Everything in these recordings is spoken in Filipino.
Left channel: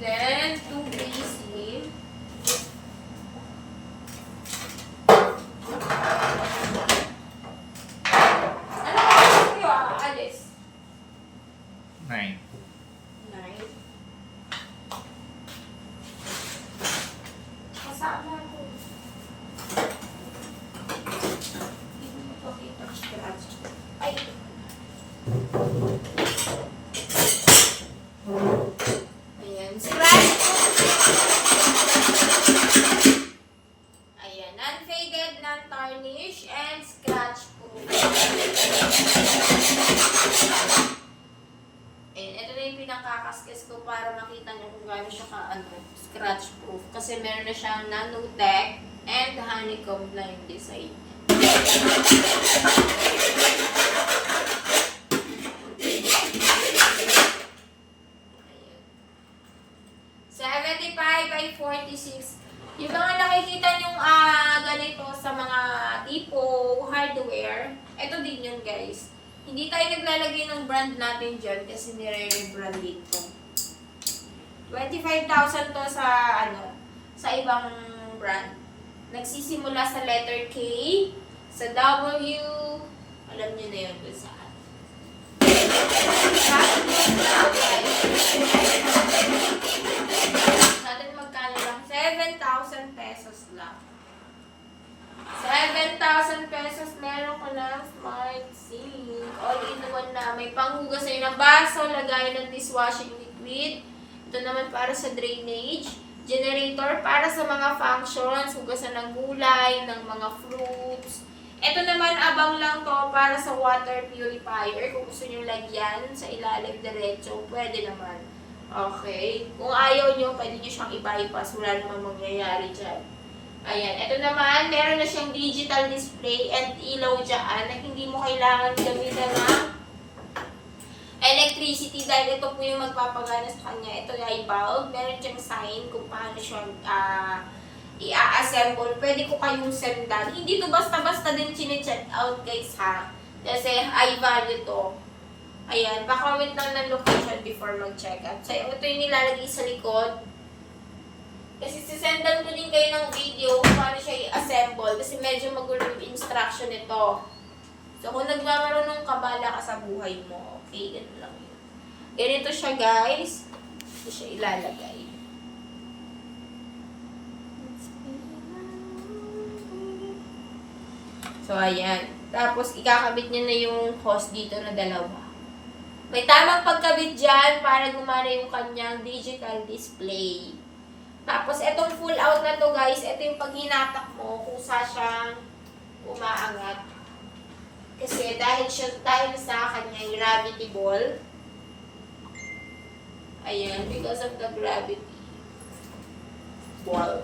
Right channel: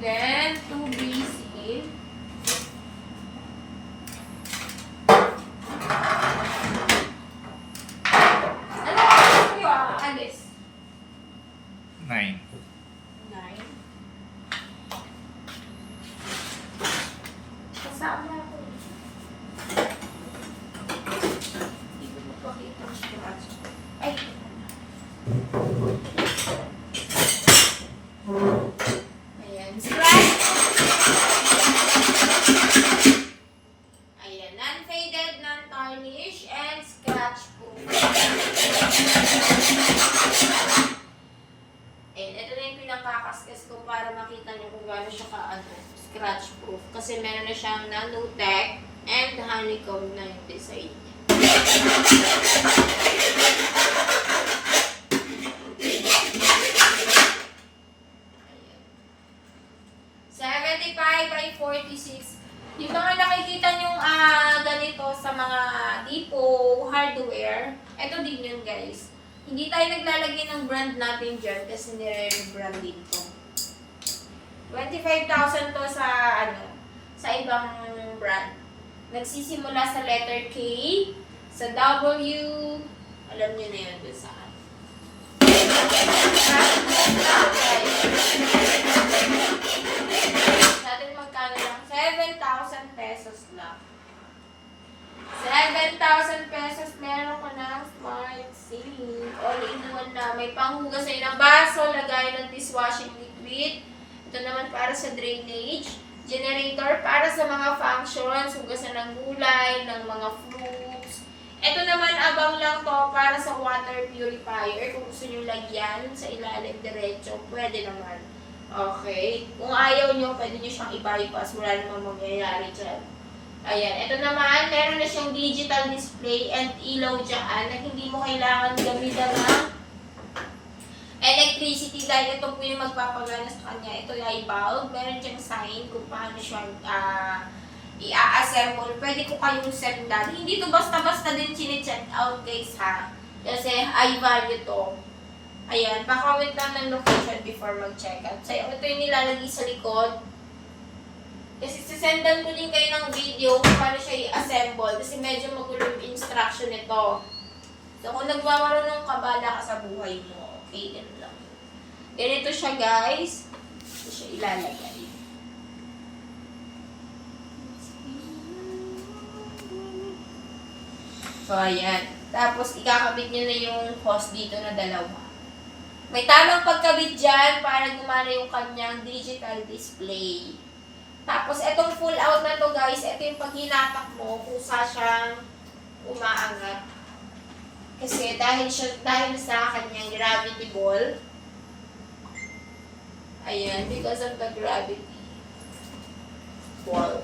Then, 2BC. Ano ba kayo aalis? 9. 9. Kasama ako. Hindi ko mapakita ang scratch. Ay, ito pala. Ayan, scratch. Ayan, non-faded, non-tarnish, and scratch proof. Ayan, ito na yung pinakakaskas ko para makita nyo kung gaano siya scratch proof. Kasi meron na siyang nanotech and honeycomb na yung design niya. 75 by 46. Yung mga nakikita nyong ganito sa mga depot, hardware, ito din yun guys. Hindi tayo naglalagay ng brand natin dyan kasi nire-rebrand dito. 25,000 to sa sa ibang brand. Nagsisimula sa letter K, sa W, alam nyo na yun dun saan. Natin magkano lang? 7,000 pesos lang. 7,000 pesos, meron ko na smart sink. All-in-one na. May panghugas sa'yo ng baso, lagay ng dishwashing liquid. Ito naman para sa drainage. Generator para sa mga functions, hugasan ng gulay, ng mga fruits. Ito naman, abang lang to para sa water purifier. Kung gusto nyo lagyan sa ilalim diretso, pwede naman. Okay. Kung ayaw nyo, pwede nyo siyang i-bypass. Wala namang mangyayari dyan. Ayan. Ito naman, meron na siyang digital display and ilaw dyan na hindi mo kailangan gamitan ng electricity dahil ito po yung magpapagana sa kanya. Ito ay bulb. Meron siyang sign kung paano siya i-assemble. Pwede ko kayong sendan. Hindi to basta-basta din chine-check out guys ha. Kasi high value to. Ayan. Pa-comment lang ng location before mag-check out. So ito yung nilalagay sa likod. Kasi sisendan ko din kayo ng video kung paano siya i-assemble. Kasi medyo magulo yung instruction nito. So kung nagmamarunong ka, bala ka sa buhay mo. Okay, ganun lang yun. Ganito siya guys. Ito siya ilalagay. So, ayan. Tapos, ikakabit niyo na yung hose dito na dalawa. May tamang pagkabit dyan para gumana yung kanyang digital display. Tapos, etong full out na to guys, ito yung pag hinatak mo, kusa siyang umaangat. Kasi dahil sa kanyang gravity ball, ayan, because of the gravity ball.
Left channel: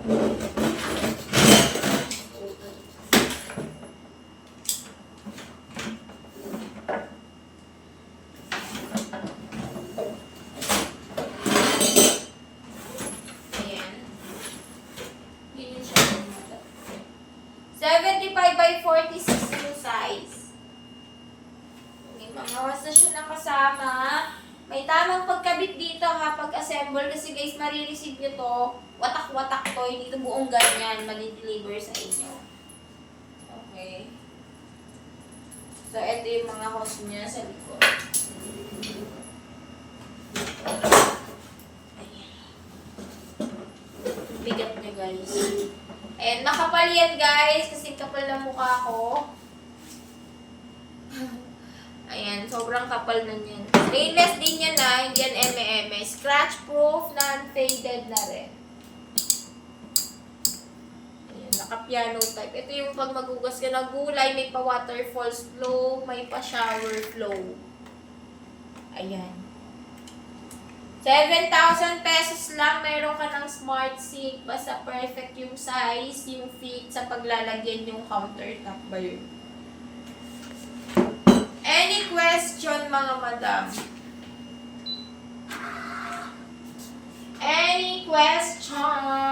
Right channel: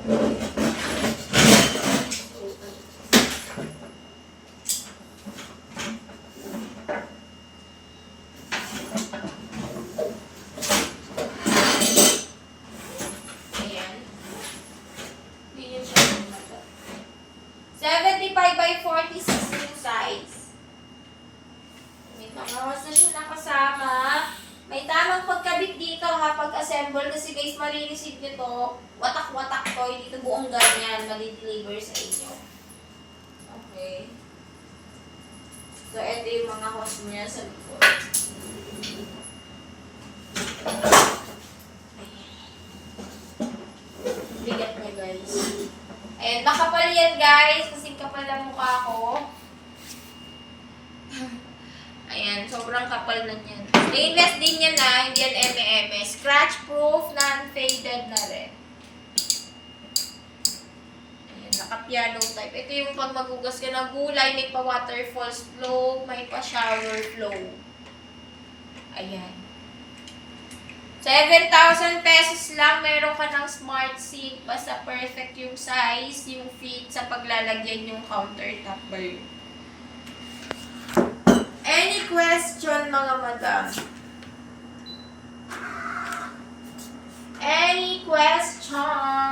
Ayan. Yun siya. 75 by 46 yung size. May mga hose na siya nakasama. May tamang pagkabit dito ha, pag-assemble. Kasi guys, marireceive nyo to. Watak-watak to. Hindi to buong ganyan. Mali-deliver sa inyo. Okay. So, ito yung mga hose niya sa likod. Bigat niya guys. And makapal yan guys. Kasi kapal na mukha ko. Ayan, sobrang kapal na yan. Stainless din yan na, hindi yan eme-eme. Scratch proof, non-faded na rin. Ayan, naka-piano type. Ito yung pag magugas ka ng gulay, may pa-waterfalls flow, may pa-shower flow. Ayan. 7,000 pesos lang, meron ka ng smart sink. Basta perfect yung size, yung fit sa paglalagyan yung countertop ba yun. Any question, mga madam? Any question?